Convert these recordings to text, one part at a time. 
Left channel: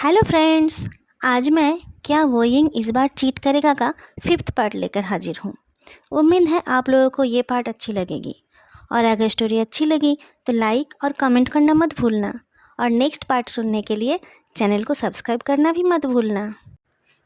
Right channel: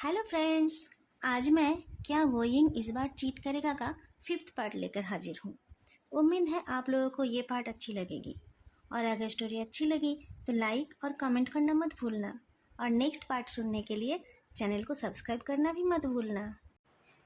Hello friends. आज मैं क्या गोइंग इस बार चीट करेगा का 5th पार्ट लेकर हाजिर हूँ। उम्मीद है आप लोगों को ये पार्ट अच्छी लगेगी और अगर स्टोरी अच्छी लगी तो लाइक और कमेंट करना मत भूलना और नेक्स्ट पार्ट सुनने के लिए चैनल को सब्सक्राइब करना भी मत भूलना।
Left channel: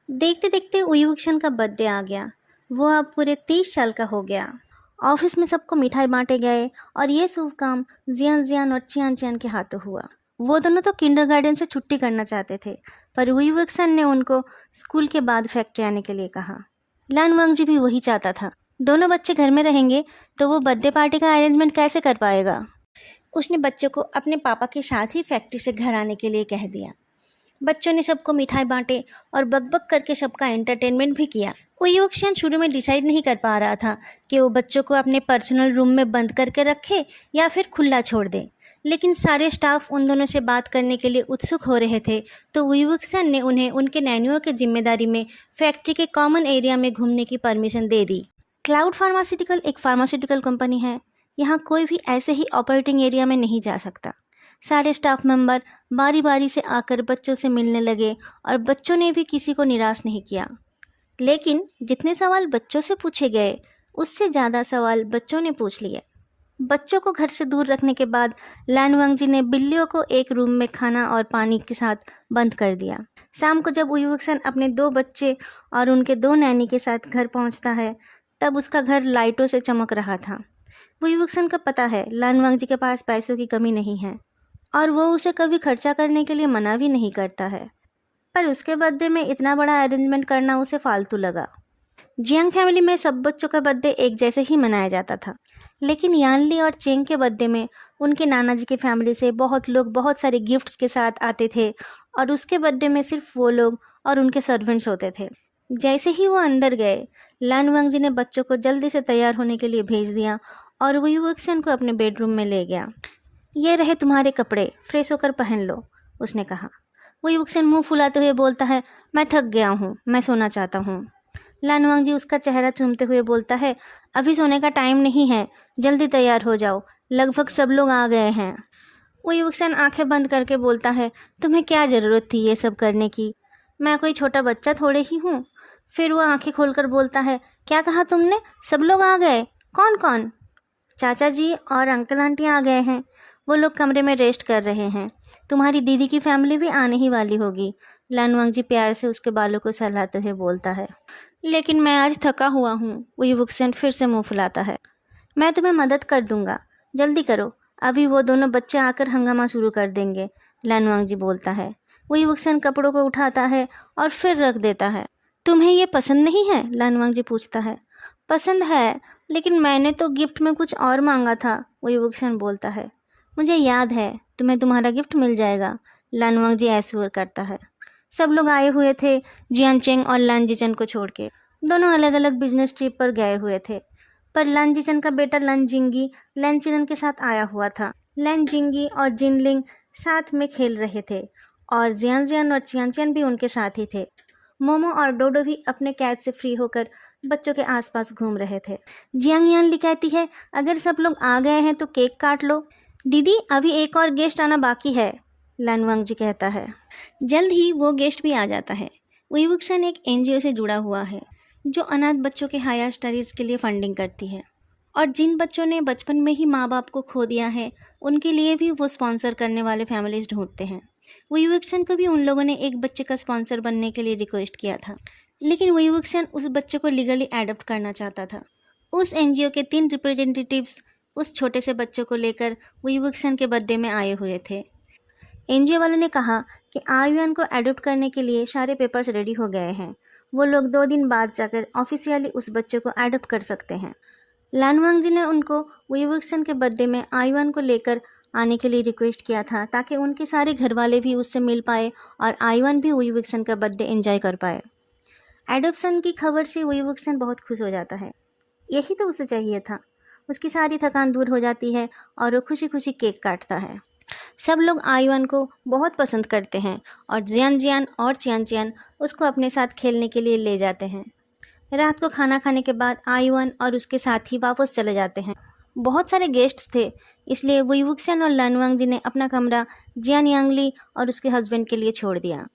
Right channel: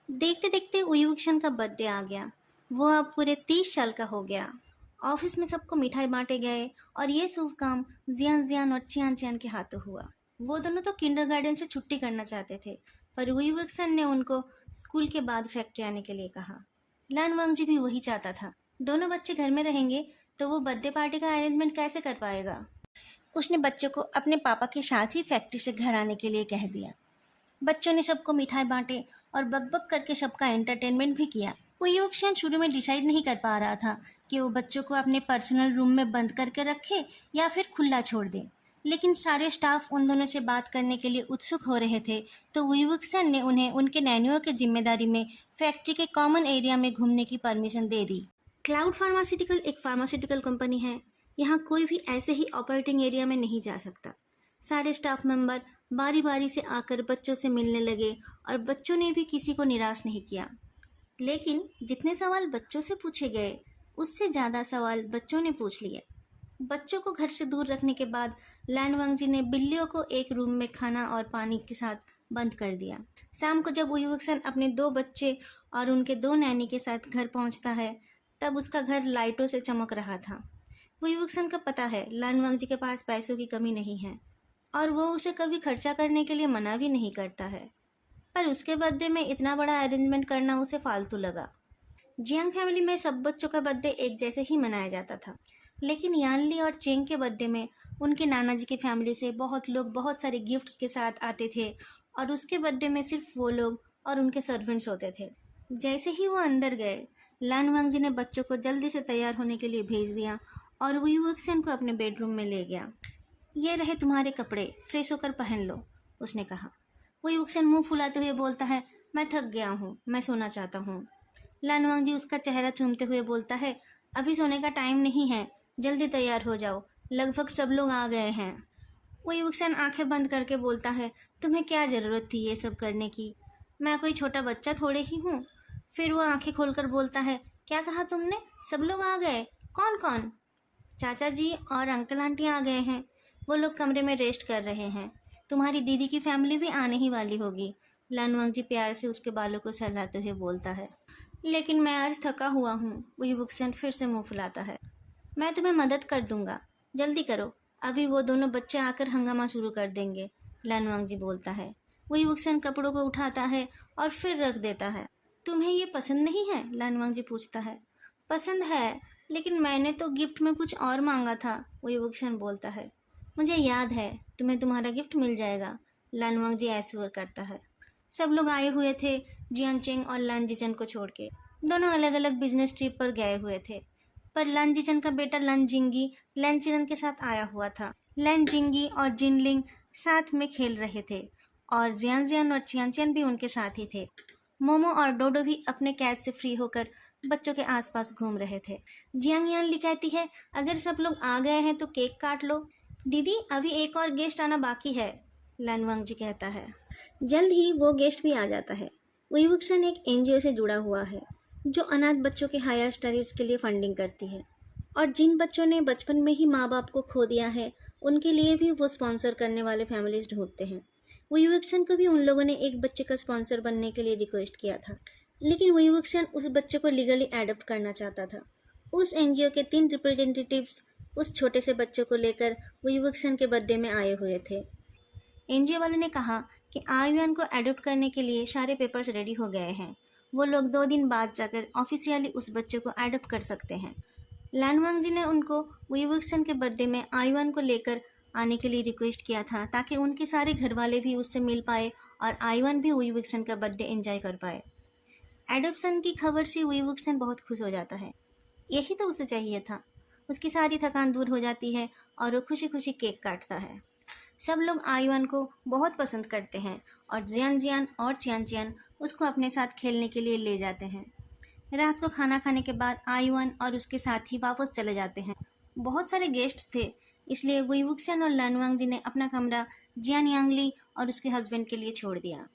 देखते देखते उईवुक्शन का बर्थडे आ गया। वो अब पूरे 30 साल का हो गया। ऑफिस में सबको मिठाई बांटे गए और ये शुभ काम जियान जियान और चियान चियान के हाथों हुआ। वो दोनों तो किंडरगार्टन से छुट्टी करना चाहते थे, पर उईवुक्सन ने उनको स्कूल के बाद फैक्ट्री आने के लिए कहा। लान वांगजी भी वही चाहता था। दोनों बच्चे घर में रहेंगे तो वो बर्थडे पार्टी का अरेंजमेंट कैसे कर पाएगा। उसने बच्चों को अपने पापा के साथ ही फैक्ट्री से घर आने के लिए कह दिया। बच्चों ने सबको मिठाई बांटे और बकबक करके सबका एंटरटेनमेंट भी किया। उईवुक्सन शुरू में डिसाइड नहीं कर पा रहा था कि वो बच्चों को अपने पर्सनल रूम में बंद करके रखे या फिर खुला छोड़ दे, लेकिन सारे स्टाफ उन दोनों से बात करने के लिए उत्सुक हो रहे थे, तो उईवुक्सन ने उन्हें उनके नैनियों की जिम्मेदारी में फैक्ट्री के कॉमन एरिया में घूमने की परमिशन दे दी। क्लाउड फार्मास्यूटिकल एक फार्मास्यूटिकल कंपनी है। यहाँ कोई भी ऐसे ही ऑपरेटिंग एरिया में नहीं जा सकता। सारे स्टाफ मेंबर बारी बारी से आकर बच्चों से मिलने लगे और बच्चों ने भी किसी को निराश नहीं किया। लेकिन जितने सवाल बच्चों से पूछे गए उससे ज़्यादा सवाल बच्चों ने पूछ लिए। बच्चों को घर से दूर रखने के बाद लान वांगजी ने बिल्लियों को एक रूम में खाना और पानी के साथ बंद कर दिया। शाम को जब उईवुक्सन अपने 2 बच्चे और उनके 2 नैनी के साथ घर पहुंचता है, तब उसका घर लाइटों से चमक रहा था। उईवुक्सन को पता है लान वांगजी के पास पैसों की कमी नहीं है और वो उसे कभी खर्चा करने के लिए मना भी नहीं करता है, पर उसके बर्थडे में इतना बड़ा अरेंजमेंट करना उसे फालतू लगा। जियांग फैमिली में सब बच्चों का बर्थडे एक जैसे ही मनाया जाता था, लेकिन यानली और चेंग के बर्थडे में उनके नाना जी की फैमिली से बहुत लोग बहुत सारे गिफ्ट्स के साथ आते थे और उसके बर्थडे में सिर्फ वो लोग और उनके सर्वेंट्स होते थे। जैसे ही वो अंदर गए, लान वांगजी ने बच्चों को जल्दी से तैयार होने के लिए भेज दिया और वो युवक्सन को अपने बेडरूम में ले गया। ये रहे तुम्हारे कपड़े, फ्रेश होकर पहन लो, उसने कहा। वो युवक्सन मुंह फुलाते हुए बोलता है, मैं थक गया हूँ, मैं सोना चाहता हूँ। लान वांगजी उसका चेहरा चूमते हुए बोलता है, अभी सोने का टाइम नहीं है, जल्दी तैयार हो जाओ, लगभग सब लोग आ गए हैं। वो युवक्सन आंखें बंद करके बोलता है, तुम्हें क्या ज़रूरत थी ये सब करने की, मैं कोई छोटा बच्चा थोड़े ही हूँ। फिर वो आंखें खोलकर बोलता है, क्या कहा तुमने, सब लोग आ गए, कौन कौन। चाचा जी और अंकल आंटी आ गए हैं, वो लोग कमरे में रेस्ट कर रहे हैं, तुम्हारी दीदी की फैमिली भी आने ही वाली होगी। लान वांगजी प्यार से उसके बालों को सहलाते हुए बोलता है, लेकिन मैं आज थका हुआ हूँ। वो युवक्सन फिर से मुंह फुलाता है, मैं तुम्हें मदद कर दूंगा, जल्दी करो, अभी वो दोनों बच्चे आकर हंगामा शुरू कर देंगे। लान वांगजी बोलता है। वो युवक्सन कपड़ों को उठाता है और फिर रख देता है। तुम्हें ये पसंद नहीं है, लान वांगजी पूछता है। पसंद है, लेकिन मैंने तो गिफ्ट में कुछ और मांगा था, वो युवक्सन बोलता है। मुझे याद है, तुम्हें तुम्हारा गिफ्ट मिल जाएगा, लान वांगजी ऐश्वर्य करता है। सब लोग आए हुए थे, जियान चेंग और लान जिचन को छोड़ के। दोनों अलग अलग बिजनेस ट्रिप पर गए हुए थे, पर लान जिचन का बेटा लन जिंगी लैन चिनन के साथ आया हुआ था। लैन जिंगी और जिनलिंग साथ में खेल रहे थे और जियान जियान और चियान चियान भी उनके साथ ही थे। मोमो और डोडो भी अपने कैद से फ्री होकर बच्चों के आसपास घूम रहे थे। जियांग यानली कहती है, अगर सब लोग आ गए हैं तो केक काट लो। दीदी, अभी एक और गेस्ट आना बाकी है, लान वांगजी कहता है। जल्द ही वो गेस्ट भी आ जाता है। उईवुक्सन एक एनजीओ से जुड़ा हुआ है जो अनाथ बच्चों के हायर स्टडीज़ के लिए फंडिंग करती है, और जिन बच्चों ने बचपन में ही माँ बाप को खो दिया है उनके लिए भी वो स्पॉन्सर करने वाले फैमिलीज ढूंढते हैं। उईवुक्सन को भी उन लोगों ने एक बच्चे का स्पॉन्सर बनने के लिए रिक्वेस्ट किया था, लेकिन उईवुक्सन उस बच्चे को लीगली एडॉप्ट करना चाहता था। उस एनजीओ के 3 रिप्रेजेंटेटिव्स उस छोटे से बच्चे को लेकर उईवुक्सन के बर्थडे में आए हुए थे। एनजीओ वालों ने कहा कि आयुआन को एडॉप्ट करने के लिए सारे पेपर्स रेडी हो गए हैं, वो लोग 2 दिन बाद जाकर ऑफिशियली उस बच्चे को एडॉप्ट कर सकते हैं। लान वांगजी ने उनको उईवुक्सन के बर्थडे में आयुआन को लेकर आने के लिए रिक्वेस्ट किया था, ताकि उनके सारे घर वाले भी उससे मिल पाए और आयुआन भी उईवुक्सन का बर्थडे एंजॉय कर पाए। एडॉप्शन की खबर से उईवुक्सन बहुत खुश हो जाता है। यही तो उसे चाहिए था। उसकी सारी थकान दूर हो जाती है और वो खुशी खुशी केक काटता है। सब लोग आयुआन को बहुत पसंद करते हैं और जियान जियान और चियान चियान उसको अपने साथ खेलने के लिए ले जाते हैं। रात को खाना खाने के बाद आयुआन और उसके साथी वापस चले जाते हैं। बहुत सारे गेस्ट्स थे, इसलिए उईवुक्सन और लान वांगजी ने अपना कमरा जियान यांगली और उसके हस्बैंड के लिए छोड़ दिया।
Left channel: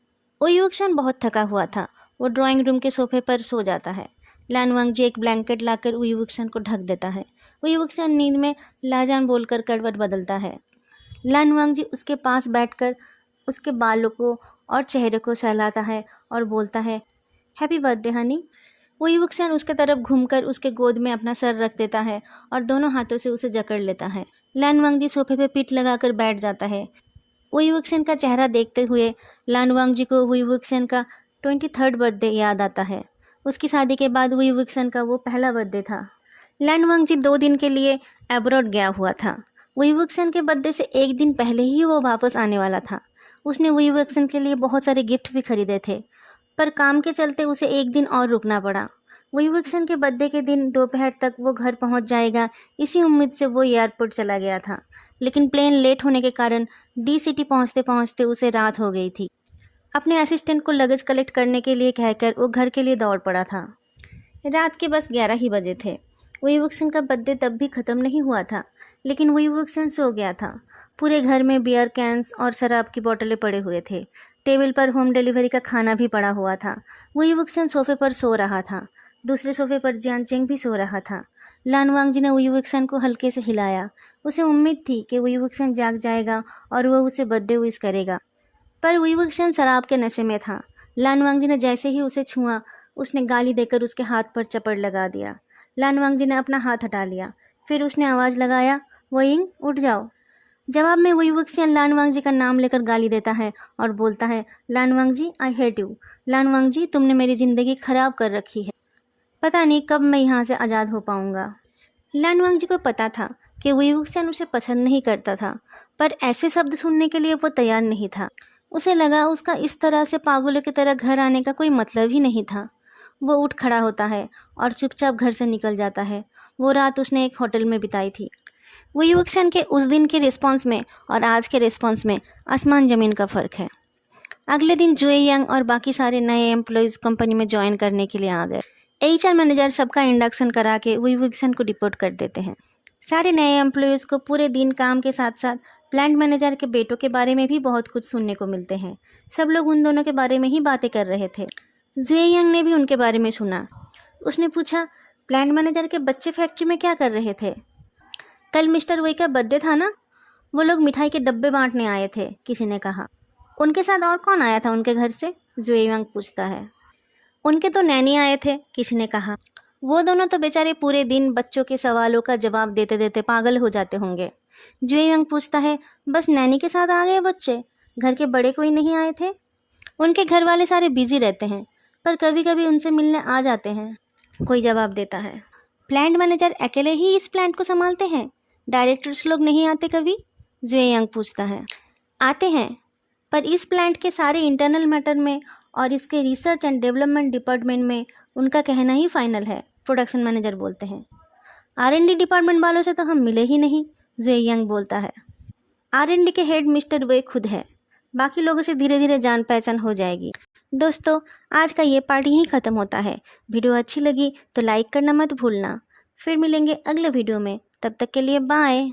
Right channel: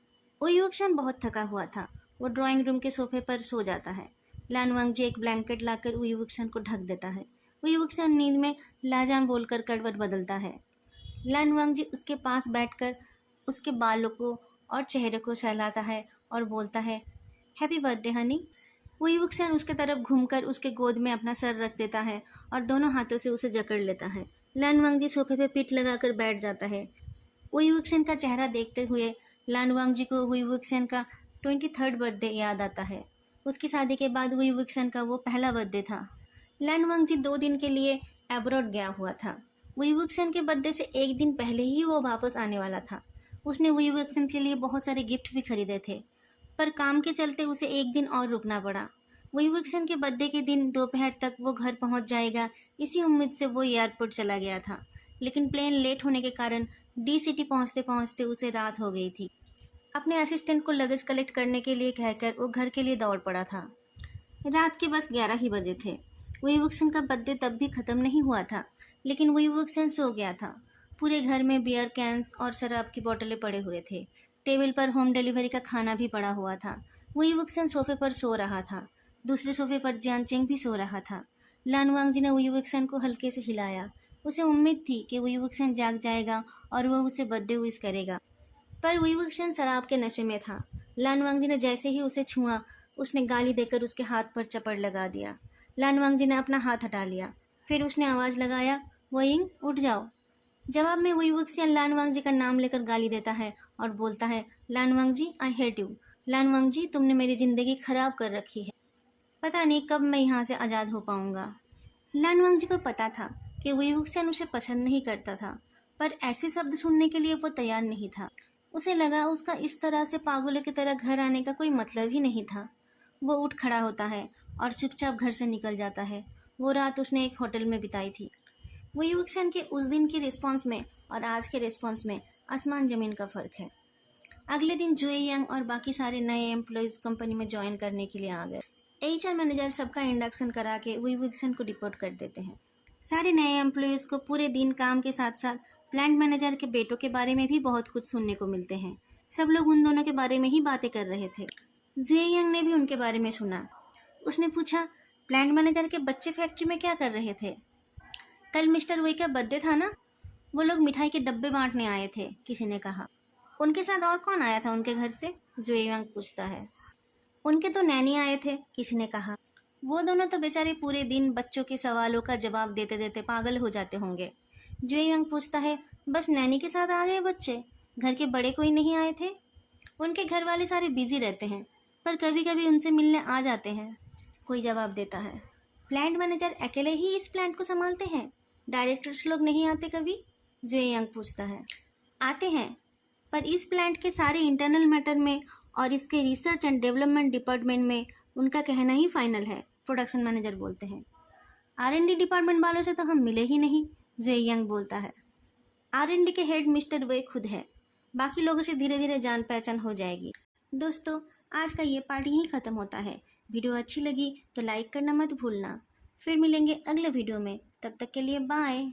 ओयुक्सन बहुत थका हुआ था। वो ड्राइंग रूम के सोफे पर सो जाता है। लान वांगजी एक ब्लैंकेट लाकर ओयुक्सन को ढक देता है। ओयुक्सन नींद में लाजान बोलकर करवट बदलता है। लान वांगजी उसके पास बैठकर उसके बालों को और चेहरे को सहलाता है और बोलता है, हैप्पी बर्थडे हनी। ओयुक्सन उसके तरफ घूमकर उसके गोद में अपना सर रख देता है और दोनों हाथों से उसे जकड़ लेता है। लान वांगजी सोफे पे पीठ लगाकर बैठ जाता है। वुई का चेहरा देखते हुए लान वांगजी को वुई का 23rd बर्थडे याद आता है। उसकी शादी के बाद वुई का वो पहला बर्थडे था। लान वांगजी 2 दिन के लिए एब्रॉड गया हुआ था। वुई के बर्थडे से एक दिन पहले ही वो वापस आने वाला था। उसने वुई के लिए बहुत सारे गिफ्ट भी खरीदे थे, पर काम के चलते उसे एक दिन और रुकना पड़ा। वुई के बर्थडे के दिन दोपहर तक वो घर पहुंच जाएगा, इसी उम्मीद से वो एयरपोर्ट चला गया था। लेकिन प्लेन लेट होने के कारण डी सिटी पहुंचते पहुंचते उसे रात हो गई थी। अपने असिस्टेंट को लगेज कलेक्ट करने के लिए कहकर वो घर के लिए दौड़ पड़ा था। रात के बस 11 ही बजे थे। वुई का बर्थडे तब भी ख़त्म नहीं हुआ था, लेकिन वुई सो गया था। पूरे घर में बियर कैंस और शराब की बोतलें पड़े हुए थे। टेबल पर होम डिलीवरी का खाना भी पड़ा हुआ था। वुई सोफे पर सो रहा था। दूसरे सोफे पर जियान चेंग भी सो रहा था। लान वांगजी ने वुई को हल्के से हिलाया। उसे उम्मीद थी कि वुई जाग जाएगा और वह उसे बर्थडे विश करेगा, पर वुई शराब के नशे में था। लान वांगजी ने जैसे ही उसे छुआ, उसने गाली देकर उसके हाथ पर चपड़ लगा दिया। लान वांगजी ने अपना हाथ हटा लिया। फिर उसने आवाज़ लगाया, वोइंग उठ जाओ। जवाब में वुई लान वांगजी का नाम लेकर गाली देता है और बोलता है, लान वांगजी आई हेट यू। लान वांगजी तुमने मेरी ज़िंदगी खराब कर रखी है। पता नहीं कब मैं यहाँ से आज़ाद हो पाऊँगा। लान वांगजी को पता था कि वुई उसे पसंद नहीं करता था, पर ऐसे शब्द सुनने के लिए वो तैयार नहीं था। उसे लगा उसका इस तरह से पागलों की तरह घर आने का कोई मतलब ही नहीं था। वो उठ खड़ा होता है और चुपचाप घर से निकल जाता है। वो रात उसने एक होटल में बिताई थी। वुई के उस दिन के रिस्पॉन्स में और आज के रिस्पॉन्स में आसमान ज़मीन का फ़र्क है। अगले दिन जुए यांग और बाकी सारे नए एम्प्लॉयज़ कंपनी में ज्वाइन करने के लिए आ गए। HR मैनेजर सबका इंडक्शन करा के वुई को डिपोर्ट कर देते हैं। सारे नए एम्प्लॉयज़ को पूरे दिन काम के साथ साथ प्लांट मैनेजर के बेटों के बारे में भी बहुत कुछ सुनने को मिलते हैं। सब लोग उन दोनों के बारे में ही बातें कर रहे थे। जुए यंग ने भी उनके बारे में सुना। उसने पूछा, प्लांट मैनेजर के बच्चे फैक्ट्री में क्या कर रहे थे? कल मिस्टर वुई का बर्थडे था ना? वो लोग मिठाई के डब्बे बांटने आए थे, किसी ने कहा। उनके साथ और कौन आया था उनके घर से? जुए यंग पूछता है। उनके तो नैनी आए थे, किसी ने कहा। वो दोनों तो बेचारे पूरे दिन बच्चों के सवालों का जवाब देते देते पागल हो जाते होंगे। जुए यंग पूछता है, बस नैनी के साथ आ गए बच्चे? घर के बड़े कोई नहीं आए थे? उनके घर वाले सारे बिजी रहते हैं, पर कभी कभी उनसे मिलने आ जाते हैं, कोई जवाब देता है। प्लांट मैनेजर अकेले ही इस प्लांट को संभालते हैं? डायरेक्टर्स लोग नहीं आते कभी? जुए यंग पूछता है। आते हैं, पर इस प्लांट के सारे इंटरनल मैटर में और इसके रिसर्च एंड डेवलपमेंट डिपार्टमेंट में उनका कहना ही फाइनल है, प्रोडक्शन मैनेजर बोलते हैं। R&D डिपार्टमेंट वालों से तो हम मिले ही नहीं, जुए यंग बोलता है। R&D के हेड मिस्टर वे खुद है, बाकी लोगों से धीरे धीरे जान पहचान हो जाएगी। दोस्तों, आज का ये पार्ट यहीं ख़त्म होता है। वीडियो अच्छी लगी तो लाइक करना मत भूलना। फिर मिलेंगे अगले वीडियो में, तब तक के लिए बाय।